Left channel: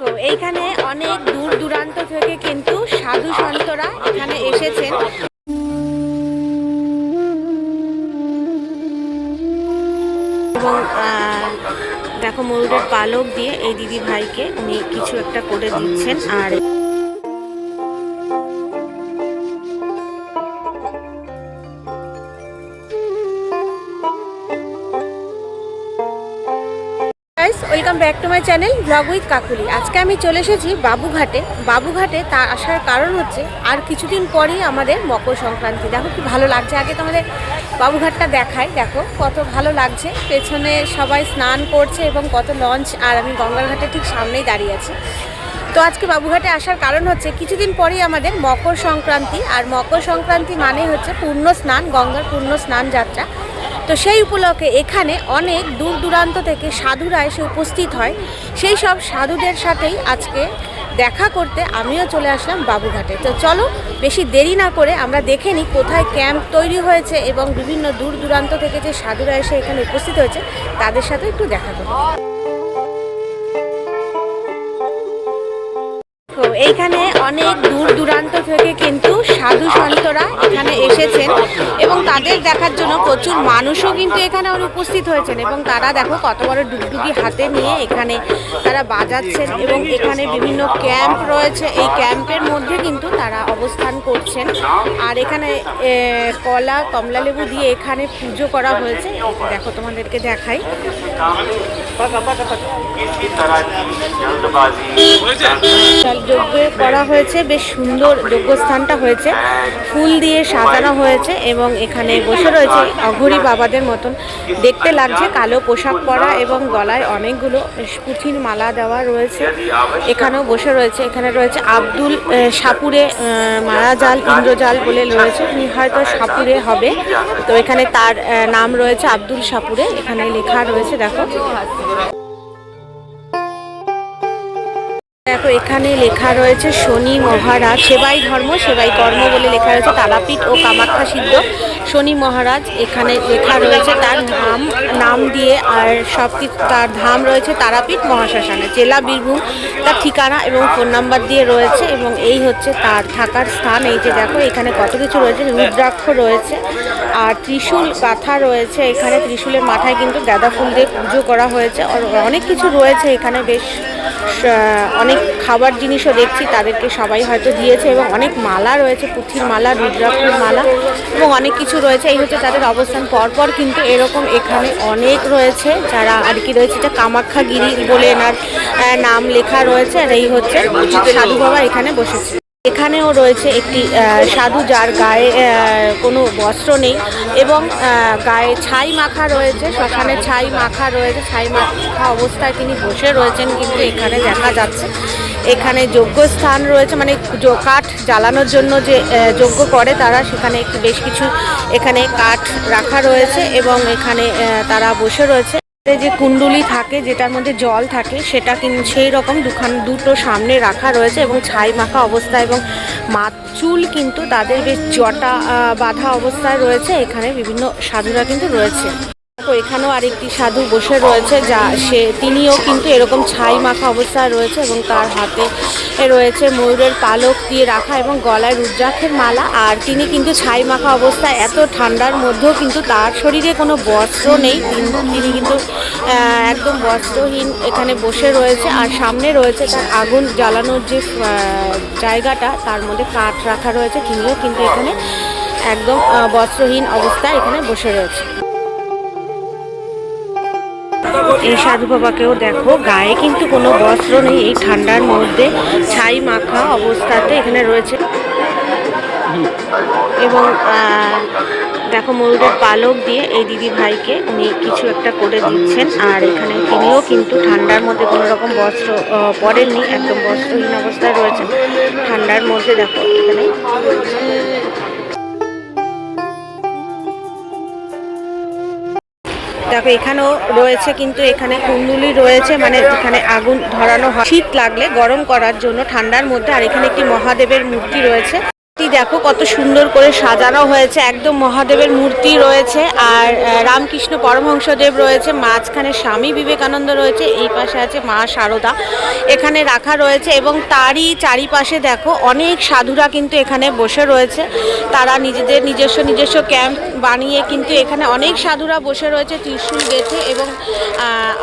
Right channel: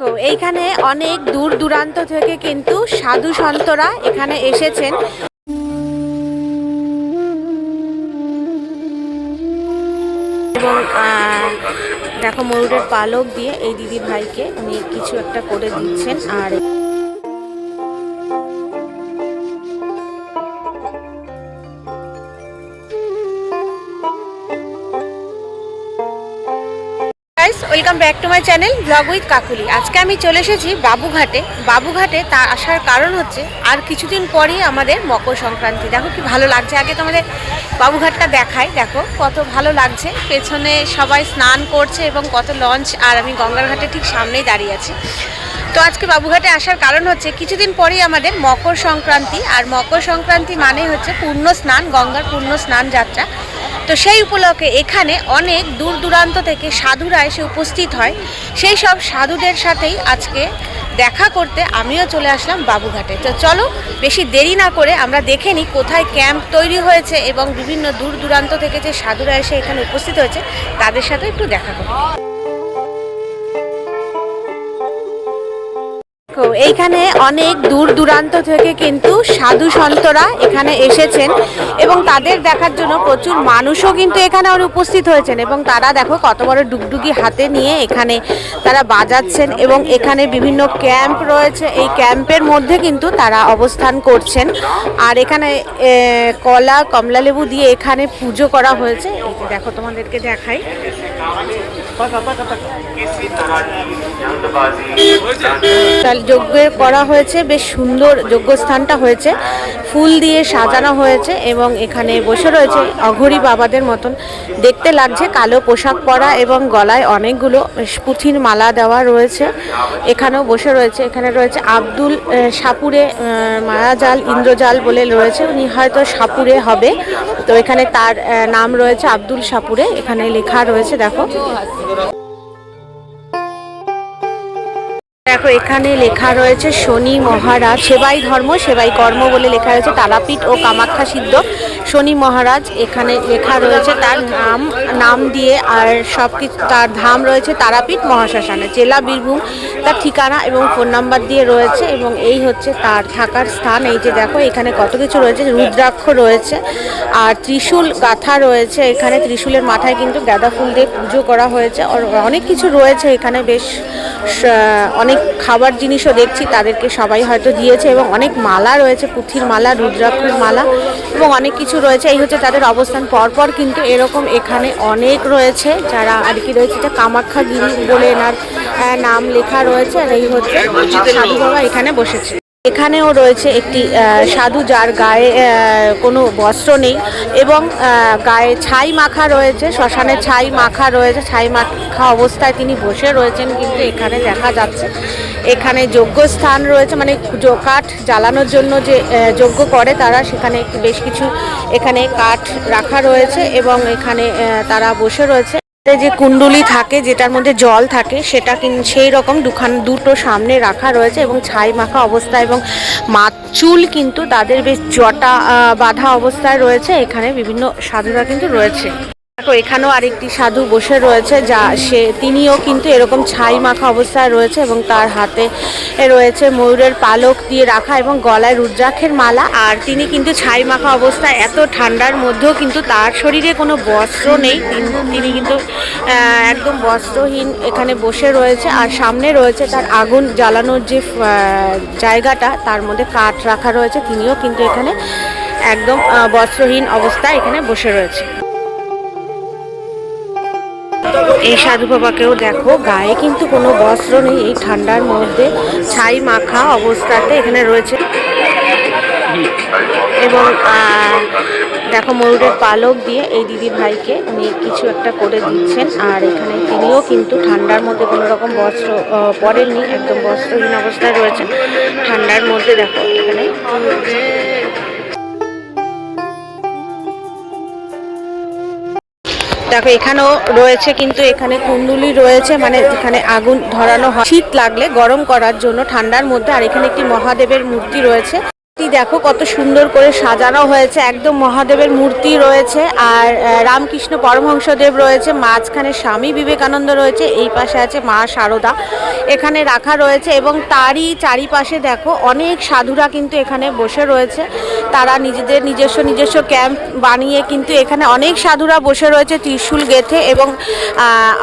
তো এইখানে অনেক দূর দূরান্ত থেকে কিন্তু সাধু সন্তরা এখানে এসেছেন এবং দেখো ময়ূরের পালক দিয়ে এই দিদি ভাইকে উনি কিছু একটা করে দিচ্ছেন। আর welcome back to my channel blog with Kakuli. আজকে আমি চলে এসেছি বাবুঘাটে। বাবুঘাটে তা আসার কারণ হচ্ছে আর কিছুদিন পরেই আমাদের মকর সংক্রান্তি। দেখো কি ভালো লাগছে। আগে তোমাদের বাবুঘাটটা দেখাই, দেখো কত ভালো লাগছে। পেছনে সবাই স্নান করছে এবং কত লঞ্চ, আর আমি গঙ্গার ঘাটে ঠিক সামনেই দাঁড়িয়ে আছি। তো আজকে বাবুঘাটে আসার কারণ হচ্ছে কিছুদিন পরেই আমাদের মকর সংক্রান্তি, আর মকর সংক্রান্তি মানে হচ্ছে পূর্ণ স্নান, গঙ্গার পূর্ণ স্নান যাত্রা। তো সেই উপলক্ষে এখানে অনেক দূর দূরান্ত থেকে সাধুরা এসে উপস্থিত হয়। সেই সব সাধুদের সাথেই আজকে দেখা করতে আমিও চলে আসলাম বাবুঘাটে। তো চলো বেশি দেরি না করে আমরা দেখে নিই কোথায় ক্যাম্প তৈরি হয়েছে এবং বিভিন্ন দূর দূরান্ত থেকে যে সাধুরা এসে এখানে উপস্থিত হয়েছে তাদের সাথে একটু দেখা করি। এইখানে অনেক দূর দূরান্ত থেকে কিন্তু সাধু সন্তরা এখানে এসেছেন এবং তাদের দেখার জন্য প্রচুর মানুষও কিন্তু এখানে উপস্থিত হয়েছেন এবং তারা দেখো কত বড় ডুগডুগি হাতে নিয়ে এখানে তারা বাজাচ্ছেন এবং এখানে বিভিন্ন ক্যাম্প রয়েছে। এই ক্যাম্পের মধ্যে কিন্তু তারা অবস্থান করছেন। আর এখানে কমলা লেবু দিয়ে এখানে পুজো করা হয়েছে। দেখো তোমাদেরকে দেখাই, যজ্ঞ করা হয়েছে, বেশ সুন্দর যজ্ঞস্থানটা হয়েছে, ফুল দিয়ে সাজানো হয়েছে এবং এখানে বসে রয়েছে অঘরী বাবাদের মতন দেখতে লাগছে, কালো পোশাক পরা এবং গলায় অনেকগুলো পুঁথির মালা দেওয়া রয়েছে। এখানেও বসে রয়েছে। এখানে রয়েছে আব্দুল সাপুরে মায়াজাল ইন্দ্রজাল বলে রয়েছে, উনি হয়তো সাপুরে হবে। তো এখানে তার নাম রয়েছে আব্দুল সাপুরে, এখানে লেখা রয়েছে। দেখো দেখো এখানে লেখা রয়েছে শনি মহারাজ সেবাই ধর্ম সেবাই কর্ম বলে লেখা রয়েছে, তারাপীঠ ও কামাখ্যা সিদ্ধ শনি মহারাজ। এখানে লেখা রয়েছে তার নাম দিয়ে, আর সব কিছু তার ধাম রয়েছে তারাপীঠ মহাশ্মশানে, জেলা বীরভূম তার ঠিকানা এবং ফোন নাম্বার দিয়ে রয়েছে এবং এই হচ্ছে তার থাকার স্থান। এই যে দেখো এখানে কত কিছু রয়েছে, রুদ্রাক্ষ রয়েছে আর ত্রিশূল গাথা রয়েছে। এখানে ত্রিশূলের মাথায় কিন্তু গাঁদা ফুল দিয়ে পুজো করা হয়েছে। অনেক কিছু রয়েছে এখানে, বেশ অনেক খাবার জিনিসও দেখছি তাদেরকে সবাই হয়তো দিয়েছে এবং অনেক মালা রয়েছে, পুঁথির মালা, রুদ্রাক্ষের মালা এবং অনেক কিছু রয়েছে। এই হচ্ছে তাদের অবস্থান। পরপর কিন্তু এরকম এখানে অনেক রয়েছে যারা আর কি রয়েছে, যে কামাখ্যাগিরি বলে এনার নাম লেখা রয়েছে। আর এই হচ্ছে সাধু বাবা এখানে বসেছে। এখানেও রয়েছে একটি সাধু যার গায়ে কোনো বস্ত্র নেই এবং গায়ে ছাই মাখা রয়েছে, শ্মশানে ছাই মাখা রয়েছে, ছাই মাখা অবস্থায় তিনি বসে রয়েছেন কিন্তু এখানে দেখা যাচ্ছে। এখানে যজ্ঞস্থান রয়েছে, মানে কাঠ জ্বালানোর জন্য যে যজ্ঞ করে তারা, সেখানে বেশ কিছু এখানে কাঠ রাখা রয়েছে এবং এখানে তারা বসে রয়েছে। যে কুণ্ডুলি থাকে যেটার মধ্যে জল থাকে সেটা সেই রকম দুটো সামনে রাখা রয়েছে এবং ছাই মাখা অবস্থা এবং চুল কিন্তু তাদের বেশ জটা বাঁধা অবস্থায় রয়েছে। এখানে বিভিন্ন সাধুরা কিন্তু রয়েছে। দেখো এখানেও আরেকটি সাধু বসে রয়েছে, তিনিও কিন্তু এরকম ছাই মাখা অবস্থায় রয়েছে এবং তার হাতে রয়েছে ময়ূরের পালক দিয়ে রাখা এবং গলায় রুদ্রাক্ষের মালা। আর তিনি কিন্তু ছাই মাখা অবস্থায়, এত ঠান্ডার মধ্যেও কিন্তু তার শরীরে কোনো বস্ত্র নেই, তিনি কিন্তু একদম বস্ত্রহীন এখানে বসে রয়েছে। আর সামনে রয়েছে তার আগুন জ্বালানোর যে জায়গাটা, তার মধ্যে কাঠ রাখা রয়েছে, তিনিও কিন্তু এখানে একদম বস্ত্রহীন অবস্থায় এখানে বসে রয়েছে। এই সাধু বাবাকেও দেখো গায়ে কিন্তু কোনো বস্ত্র নেই, এই ঠান্ডার মধ্যে ছাই মাখা অবস্থাতে এখানে রয়েছে এবং দেখো ময়ূরের পালক দিয়ে এই দিদি ভাইকে উনি কিছু একটা করে দিচ্ছেন। আর এখানে তিনিও কিন্তু ঠান্ডার মধ্যে কোনো রকম বস্ত্র পরেননি, একদম বস্ত্রহীন অবস্থায় রয়েছেন ঠান্ডার মধ্যে। দেখো এখানে দেখো এখানেও রয়েছে কিন্তু এখানে কুণ্ডুলি রয়েছে, মানে এখানে আগুন ধরানো হয় শীত লাগলে গরম করার জন্য ঠান্ডার মধ্যে। আর এখানে একটি মহাদেবের মূর্তি রয়েছে। দেখো কত সুন্দর করে সাজানো হয়েছে, একদম মহাদেবের মূর্তি রয়েছে আর রামকৃষ্ণ পরমহংসদেব রয়েছে, মাঝখানে স্বামী বিবেকানন্দ রয়েছে, এই পাশে আছে মা শারদা এখানে রাখা রয়েছে এবং তারই চারিপাশে দেখো অনেক সাধুরা কিন্তু এখানে বসে রয়েছে। তারা নিজেদের নিজস্ব ক্যাম্প বানিয়ে কিন্তু এখানে অনেক সাধুরা বসে রয়েছে ত্রিশূল গেঁথে এবং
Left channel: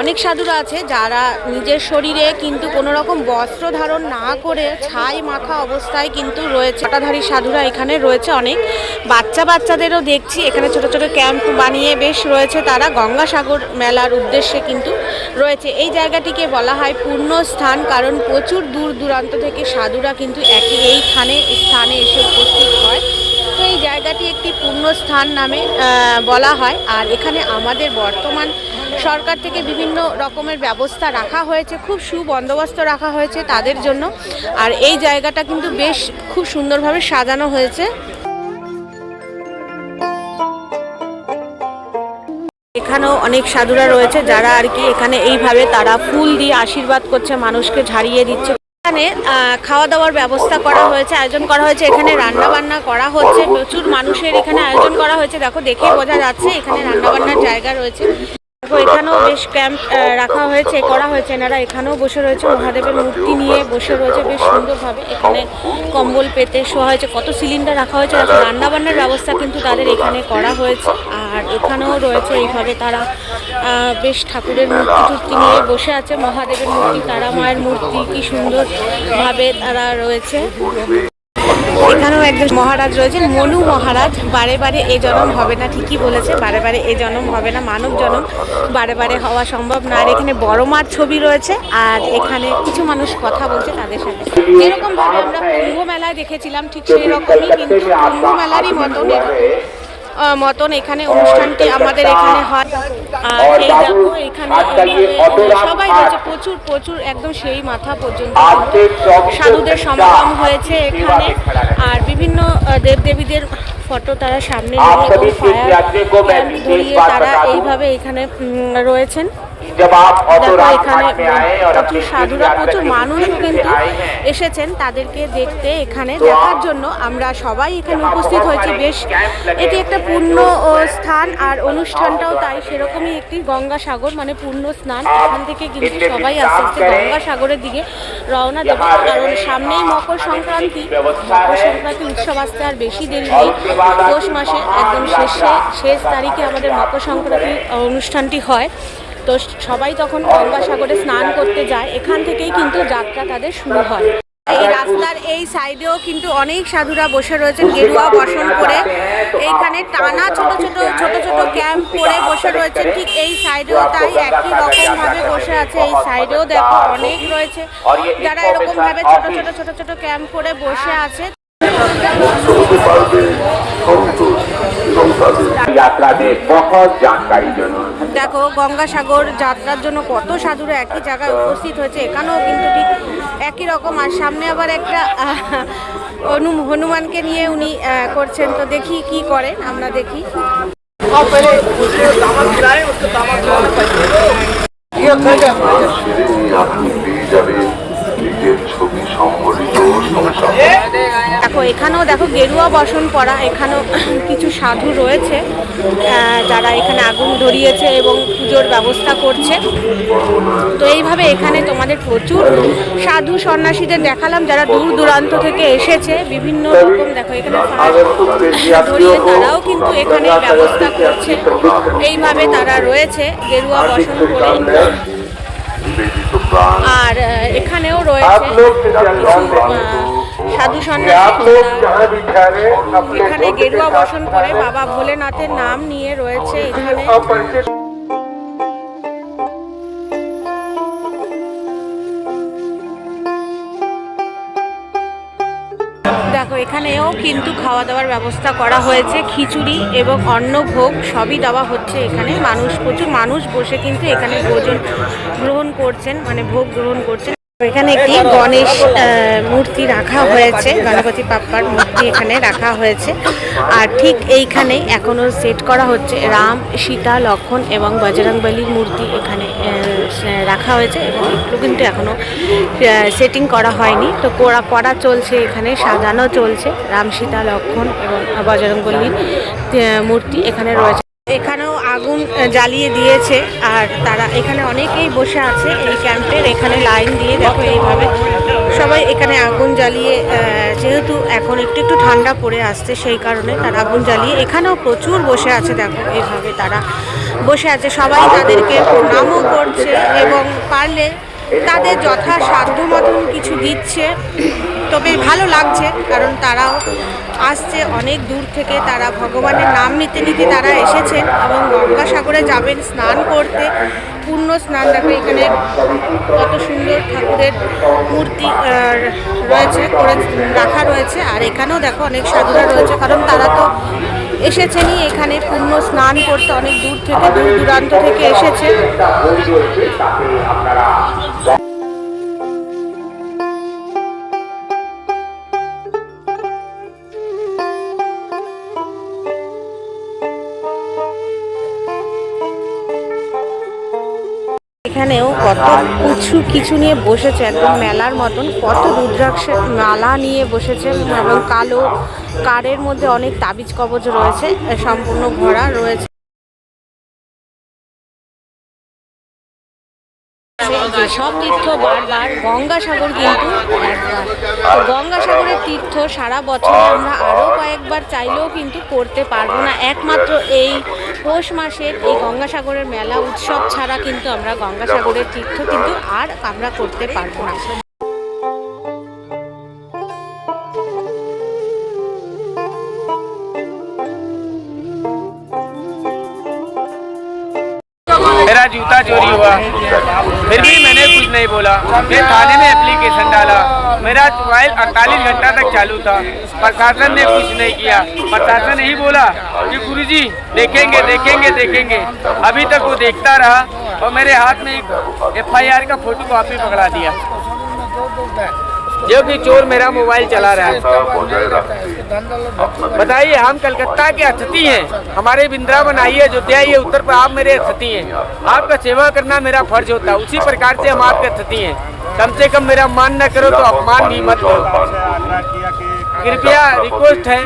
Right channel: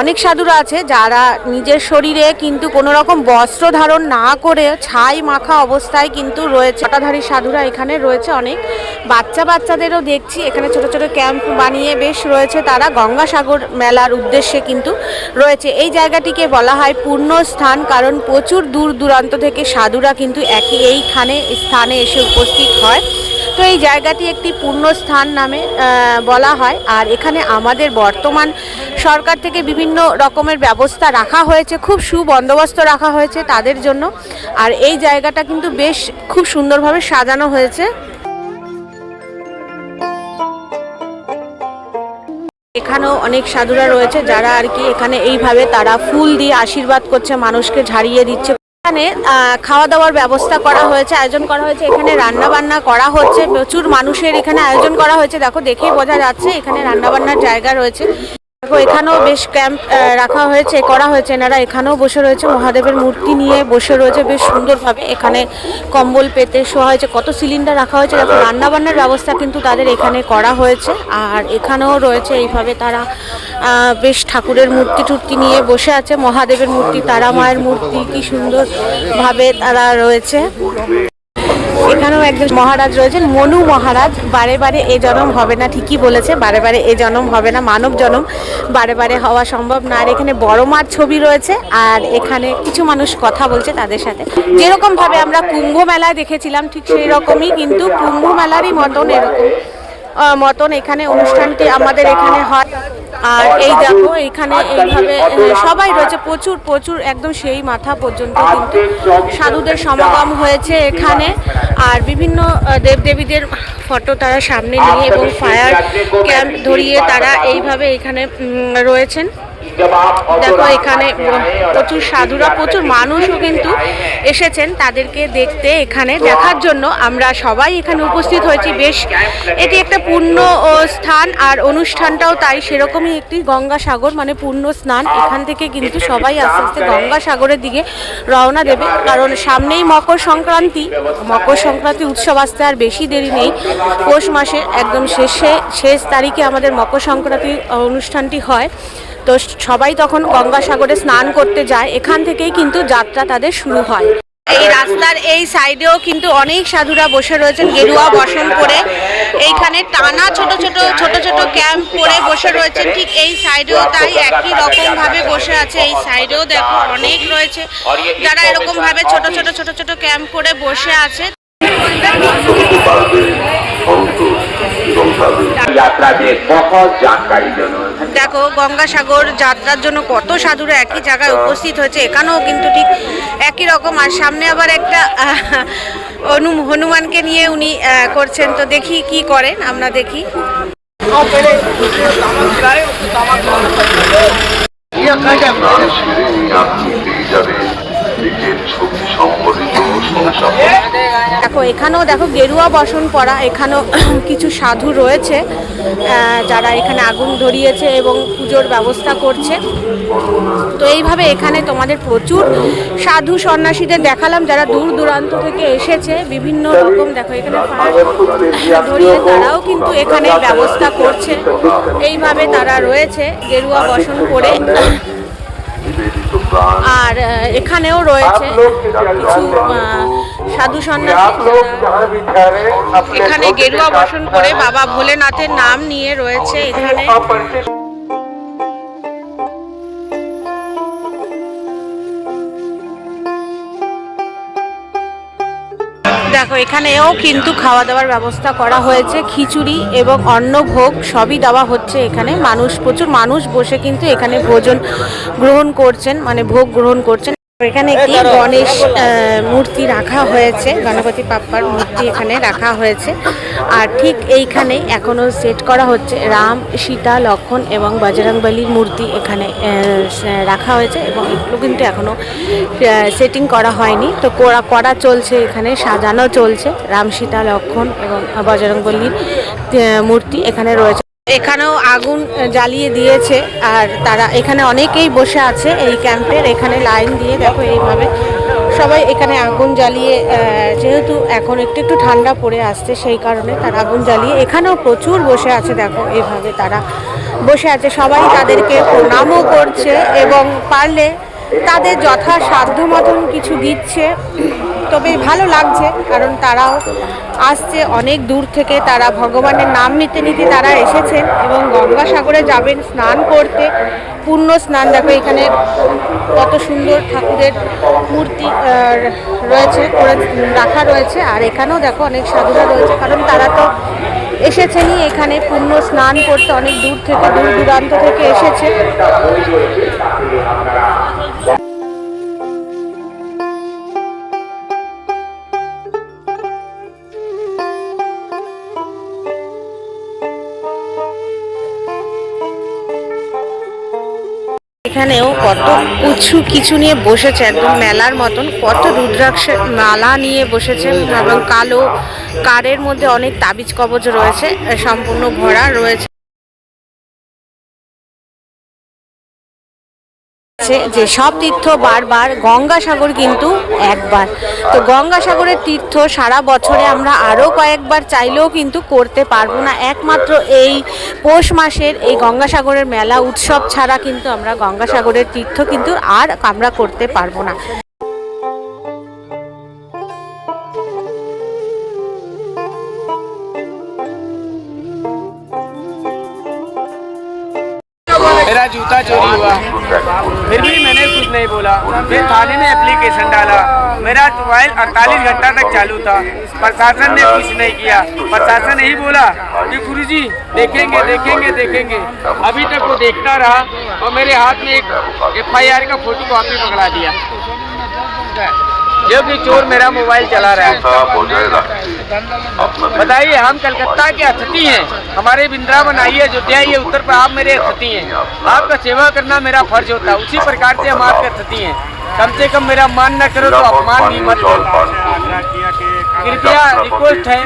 অনেক সাধুরা আছে যারা নিজের শরীরে কিন্তু কোনো রকম বস্ত্র ধারণ না করে ছাই মাখা অবস্থায় কিন্তু রয়েছে। সাধুরা এখানে রয়েছে, অনেক বাচ্চাদেরও দেখছি এখানে ছোট ছোট ক্যাম্প বানিয়ে বেশ রয়েছে। তারা গঙ্গাসাগর মেলার উদ্দেশ্যে কিন্তু রয়েছে। এই জায়গাটিকে বলা হয় পূর্ণ স্থান, কারণ প্রচুর দূর দূরান্ত থেকে সাধুরা কিন্তু এইখানে স্থানে এসে উপস্থিত হয়। তো এই জায়গাটি একটি পূর্ণ স্থান নামে বলা হয়। আর এখানে আমাদের বর্তমান সরকার থেকে বিভিন্ন রকমের ব্যবস্থা রাখা হয়েছে, খুব সুবন্দোবস্ত রাখা হয়েছে তাদের জন্য। আর এই জায়গাটা কিন্তু বেশ খুব সুন্দরভাবে সাজানো হয়েছে। এখানেও অনেক সাধুরা রয়েছে যারা আর কি এখানে এইভাবে তারা ফুল দিয়ে আশীর্বাদ করছে, মানুষকে ঝাড়িয়ে দিচ্ছে। এখানে খাওয়া দাওয়ার ব্যবস্থা করা হয়েছে, আয়োজন করা হয়েছে, এখানে রান্না বান্না করা হচ্ছে, প্রচুর মানুষের এখানে আয়োজন করা হয়েছে। দেখো দেখেই বোঝা যাচ্ছে এখানে রান্না বান্নার জায়গা রয়েছে। দেখো এখানেও বেশ ক্যাম্প রাখা হয়েছে, করা হয়েছে। এনারা এখানেও বসে রয়েছে, মহাদেবের মূর্তি নিয়ে বসে রয়েছে বেশ সুন্দরভাবে। এখানে কম্বল পেতে শোয়া হয়েছে, কত সিলিন্ডার রাখা হয়েছে। দেখো রান্নাবান্নার ব্যবস্থা কিন্তু তাদের এখানে করা হয়েছে। আর এখানেও রয়েছে এইভাবে তারা বেশ ঠাকুরের মূর্তি নিয়ে বসে আছে, মহাদেবের মূর্তি, তারা মায়ের মূর্তি, কি সুন্দরভাবে তারা রয়েছে। এখানেও একজন মহারাজ রয়েছেন, মনু মহারাজ। বারে বারে এ জন্ম হবে না, ঠিকই বলেছে, বারে বারে এ জন্ম হবে না, মানব জন্ম বারে বারে হওয়া সম্ভব না। আর এখানে বড় মার ছবি রয়েছে আর এখানে কিছু মানুষ কথা বলছে তাদের সাথে। যেরকম ভাবে আমরা কুম্ভ মেলায় দেখেছিলাম ঠিক সেই রকমই কিন্তু কুম্ভ মেলারই মতন এখানে অনুষ্ঠানটি আমাদের এখানে হয়। আর এই দেখো এখানে এইভাবে সবাই রয়েছে, প্রচুর একদম সেই মাথা পর্যন্ত কিন্তু সাধুদের সমাগম হয়েছে এখানে। আর বিভিন্ন দেবদেবীদের ফটো তারা সামনে নিয়ে এবং ফায়ার ক্যাম্প ধরিয়ে তারা এইভাবে এখানে রয়েছেন। দেখো এখানে প্রচুর সাধুরা, প্রচুর মানুষও কিন্তু এসেছেন তাদেরকে দেখতে, এখানে দেখার জন্য আমরা সবাই এখানে উপস্থিত হয়েছি। বেশ এটি একটা পূর্ণ স্থান আর অনুষ্ঠানটাও তাই সেরকমই একটি গঙ্গাসাগর মানে পূর্ণ স্নান। এখান থেকে কিন্তু সবাই আস্তে আস্তে গঙ্গাসাগরের দিকে রওনা দেবে, কারণ সামনেই মকর সংক্রান্তি উৎসব আসতে আর বেশি দেরি নেই। পৌষ মাসের একদম শেষ তারিখে আমাদের মকর সংক্রান্তি অনুষ্ঠানটি হয়। তো সবাই তখন গঙ্গাসাগরে স্নান করতে যায়, এখান থেকেই কিন্তু যাত্রা তাদের শুরু হয়। এই রাস্তার এই সাইডেও কিন্তু অনেক সাধুরা বসে রয়েছেন গেরুয়া বসন পরে, এইখানে টানা ছোট ছোট ক্যাম্প করে বসে রয়েছে। ঠিক এই সাইডেও তাই একই রকম ভাবে বসে আছে। এই সাইডেও দেখো অনেক রয়েছে যারা এরকম ভাবে ছোট ছোট ক্যাম্প করে বসে আছে। দেখো গঙ্গাসাগর যাত্রার জন্য কত সাধুরা একই জায়গায় উপস্থিত হয়েছে, এখানেও কিন্তু ঠিক একই রকম। আর সামনে আবার একটা হনুমানকে নিয়ে উনি করছেন, তো দেখি কি করেন, আমরা দেখি। দেখো এখানেও দেখো গেরুয়া বসন পরা, এখানেও কিছু সাধু রয়েছে যারা এখানে আগুন ধরিয়েছে এবং পুজোর ব্যবস্থা করছে। তো এইভাবে এখানে তোমাদের প্রচুর সাধু সন্ন্যাসীদের দেখালাম যারা দূর দূরান্ত থেকে এসেছে বিভিন্ন রকম। দেখো এখানে ফায়ার ধরিয়ে তারাও কিন্তু এখানে ব্যবস্থা করছে, এইভাবে তারা রয়েছে গেরুয়া বসন পরে। আর এখানেও রয়েছে কিছু সাধু সন্ন্যাসী এখানে গেরুয়া বসন করে বাবা ভোলেনাথের নাম নিয়ে রয়েছে এখানে। দেখো এখানেও কিন্তু খাওয়া দাওয়ার ব্যবস্থা করা হয়েছে, খিচুড়ি এবং অন্নভোগ সবই দেওয়া হচ্ছে এখানে। প্রচুর মানুষ বসে কিন্তু এখানে ভোজন গ্রহণ করছেন, মানে ভোগ গ্রহণ করছেন। এখানে একটি গণেশ মূর্তি রাখা হয়েছে, গণপতি বাপ্পার মূর্তি এখানে রাখা হয়েছে। আর ঠিক এইখানেই এখনো সেট করা হচ্ছে রাম, সীতা, লক্ষ্মণ এবং বজরংবলীর মূর্তি এখানে রাখা হয়েছে এবং এগুলো কিন্তু এখনো সেটিং করা হয়নি। তো করা চলছে, এখানে সাজানো চলছে। রাম, সীতা, লক্ষ্মণ এবং বজরংবলীর মূর্তি এখানে রয়েছে। এখানেও আগুন জ্বালিয়ে দিয়েছে আর তারা এখানে অনেকেই বসে আছে এই ক্যাম্পের এখানে লাইন দিয়ে। দেখো এইভাবে সবাই এখানে আগুন জ্বালিয়ে, যেহেতু এখন একটু একটু ঠান্ডা পড়ে আসছে সেই কারণে তারা আগুন জ্বালিয়ে এখানেও প্রচুর বসে আছে। দেখো এইভাবে তারা বসে আছে, সবাই তাদেরকে প্রণামও করছে এবং পারলে তাদের যথাসাধ্য মতন কিছু দিচ্ছে। তবে ভালো লাগছে কারণ তারাও আসছে অনেক দূর থেকে, তারা ভগবানের নাম নিতে নিতে তারা এসেছেন এবং গঙ্গাসাগরে যাবেন স্নান করতে, পূর্ণ স্নান। দেখো এখানে কত সুন্দর ঠাকুরের মূর্তি রয়েছে, করে রাখা রয়েছে। আর এখানেও দেখো অনেক সাধুরা রয়েছে, কারণ তারা তো এসেছেনই এখানে পূর্ণ স্নান করতে, অনেক দূর থেকে, দূর দূরান্ত থেকে এসেছে। এখানেও কত কিছু নিয়ে বসেছে, একদম মেলার মতন। কত রুদ্রাক্ষের মালা নিয়ে বসেছে এবং কালো কারের মধ্যে অনেক তাবিজ কবচ রয়েছে, সম্পূর্ণ ভরা রয়েছে। যে সব তীর্থ বারবার, গঙ্গাসাগর কিন্তু একবার। তো গঙ্গাসাগরের তীর্থ সারা বছরে আমরা আরও কয়েকবার চাইলেও কিন্তু করতে পারবো না। একমাত্র এই পৌষ মাসের এই গঙ্গাসাগরের মেলা উৎসব ছাড়া কিন্তু আমরা গঙ্গাসাগরের তীর্থ কিন্তু আর আমরা করতে পারবো না। मेरा जूता चोरी हुआ, फिर भी मैंने कुछ नहीं बोला। मैं थाने में एप्लीकेशन डाला। मेरा मोबाइल 48 घंटा तक चालू था, प्रशासन ने कुछ नहीं किया। प्रशासन यही बोला कि गुरुजी देखेंगे देखेंगे देखेंगे। अभी तक वो देखता रहा और मेरे हाथ में एक FIR का फोटो कॉपी पकड़ा दिया, जो कि चोर मेरा मोबाइल चला रहा है। बताइए, हम कलकत्ता के अतिथि हैं, हमारे वृंदावन आई है, अयोध्या ये उत्तर पर आप मेरे अतिथि हैं। आपका सेवा करना मेरा फर्ज होता है, उसी प्रकार से हम आपके अतिथि हैं। कम से कम मेरा मान न करो तो अपमान भी मत करो। कृपया रिक्वेस्ट है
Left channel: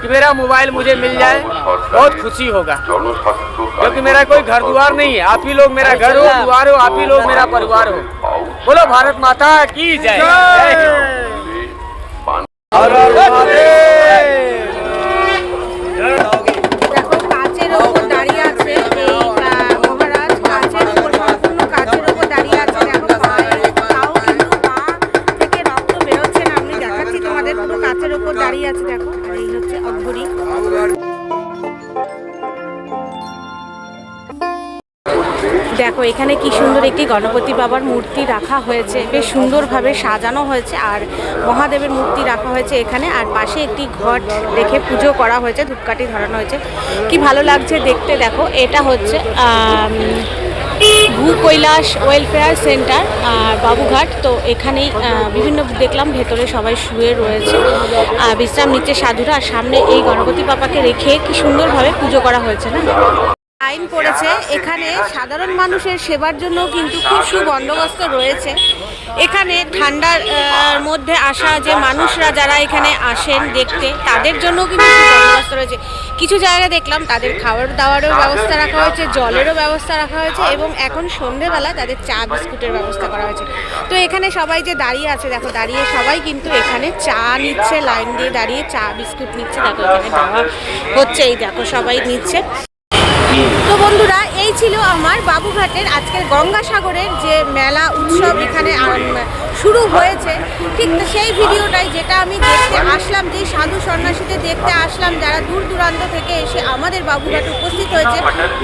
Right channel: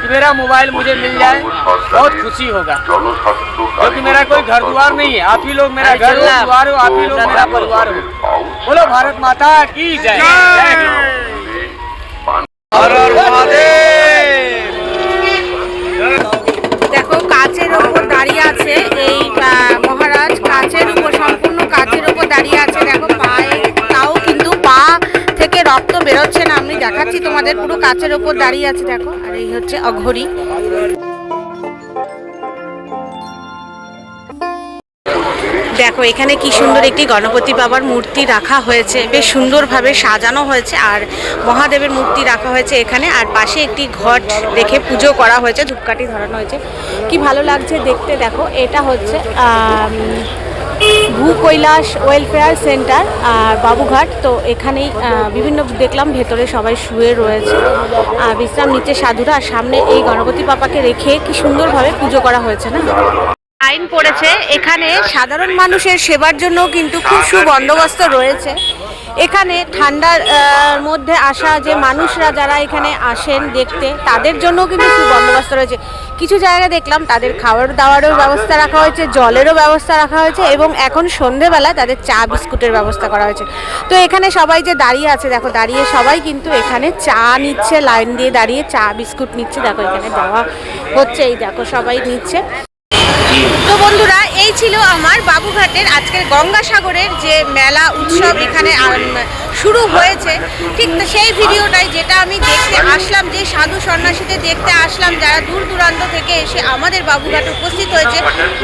कि मेरा मोबाइल मुझे मिल जाए, बहुत खुशी होगा, क्योंकि मेरा कोई घर द्वार नहीं है। आप ही लोग मेरा घर हो, द्वार हो, आप ही लोग मेरा परिवार हो। बोलो भारत माता की जय। দেখো কাচের ওপর দাঁড়িয়ে আছে এই মহারাজ, কাচের ওপর, সম্পূর্ণ কাচের ওপর দাঁড়িয়ে আছে। দেখো পায়ে, তাও কিন্তু পা থেকে রক্ত বেরোচ্ছে না। আমি দেখাচ্ছি তোমাদের, পুরো কাচের ওপর দাঁড়িয়ে আছে দেখো। আর এই হচ্ছে অঘোরী। দেখো এখানে কি সুন্দর একটি গণপতি বাবার মূর্তি রাখা হয়েছে, বেশ সুন্দরভাবে সাজানো হয়েছে। আর মহাদেবের মূর্তি রাখা হয়েছে এখানে, আর পাশে একটি ঘট রেখে পুজো করা হয়েছে, ধূপকাঠি ধরানো হয়েছে। কি ভালো লাগছে দেখতে। দেখো এটা হচ্ছে ভূ কৈলাস ওয়েলফেয়ার সেন্টার আর বাবুঘাট। তো এখানেই বিভিন্ন দেখলাম ভেতরে সবাই শুয়ে রয়েছে, বিশ্রাম নিচ্ছে সাধুরা। আর সামনে এই গণপতি বাবাকে রেখে কি সুন্দরভাবে পুজো করা হয়েছে না। লাইন পড়েছে এখানে সাধারণ মানুষের সেবার জন্য কিন্তু খুব সুবন্দোবস্ত রয়েছে। এখানে ঠান্ডার মধ্যে আসা যে মানুষরা যারা এখানে আসেন দেখতে, তাদের জন্য কিন্তু সুবন্দোবস্ত রয়েছে। কিছু জায়গায় দেখলাম তাদের খাবার দাওয়ারও ব্যবস্থা রাখা হয়েছে, জলেরও ব্যবস্থা রাখা হয়েছে এবং এখন সন্ধেবেলা তাদের চা বিস্কুটের ব্যবস্থা করা হয়েছে। তো এখানে সবাই যে দাঁড়িয়ে আছে, দেখো দাঁড়িয়ে সবাই কিন্তু এখানে চা নিচ্ছে, লাইন দিয়ে দাঁড়িয়ে চা বিস্কুট নিচ্ছে। দেখো এখানে দেওয়া হচ্ছে, এই দেখো সবাই নিচ্ছে। তো বন্ধুরা, এই ছিল আমার বাবুঘাটের আজকের গঙ্গাসাগরের যে মেলা উৎসব এখানে শুরু হয়েছে, ঠিক সেই ভিডিওটাই যেটা আমি দেখতে আসলাম, যে সাধু সন্ন্যাসীদের দেখতে আসলাম যারা দূর দূরান্ত থেকে এসে আমাদের বাবুঘাটে উপস্থিত হয়েছে।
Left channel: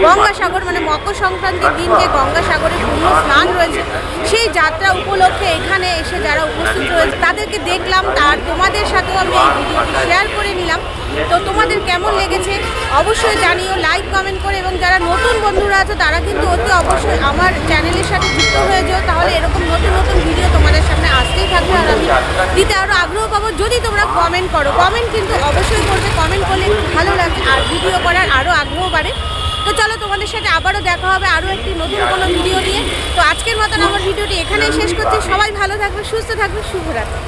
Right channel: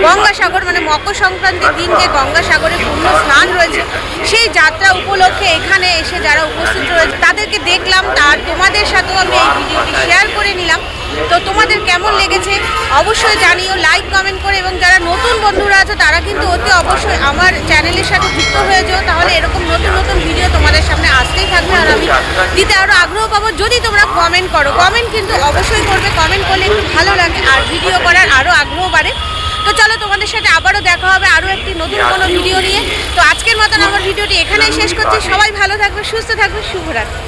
গঙ্গাসাগর মানে মকর সংক্রান্তির দিন যে গঙ্গাসাগরে পূর্ণ স্নান রয়েছে, সেই যাত্রা উপলক্ষে এখানে এসে যারা উপস্থিত রয়েছে তাদেরকে দেখলাম, আর তোমাদের সাথেও আমি এই ভিডিওটি শেয়ার করে নিলাম। তো তোমাদের কেমন লেগেছে অবশ্যই জানিও লাইক কমেন্ট করে, এবং যারা নতুন বন্ধুরা আছে তারা কিন্তু অতি অবশ্যই আমার চ্যানেলের সাথে যুক্ত হয়ে যাও, তাহলে এরকম নতুন নতুন ভিডিও তোমাদের সামনে আসতেই থাকবে আর আমি দিতে আরও আগ্রহ পাবো যদি তোমরা কমেন্ট করো। কমেন্ট কিন্তু অবশ্যই করবে, কমেন্ট করলে একটু ভালো লাগে আর ভিডিও করার আরও আগ্রহ বাড়ে। তো চলো তোমাদের সাথে আবারও দেখা হবে আরও একটি নতুন কোনো ভিডিও নিয়ে। তো আজকের মতন আমার ভিডিওটি এখানেই শেষ করছি। সবাই ভালো থাকবে, সুস্থ থাকবে, শুভরাত্রি।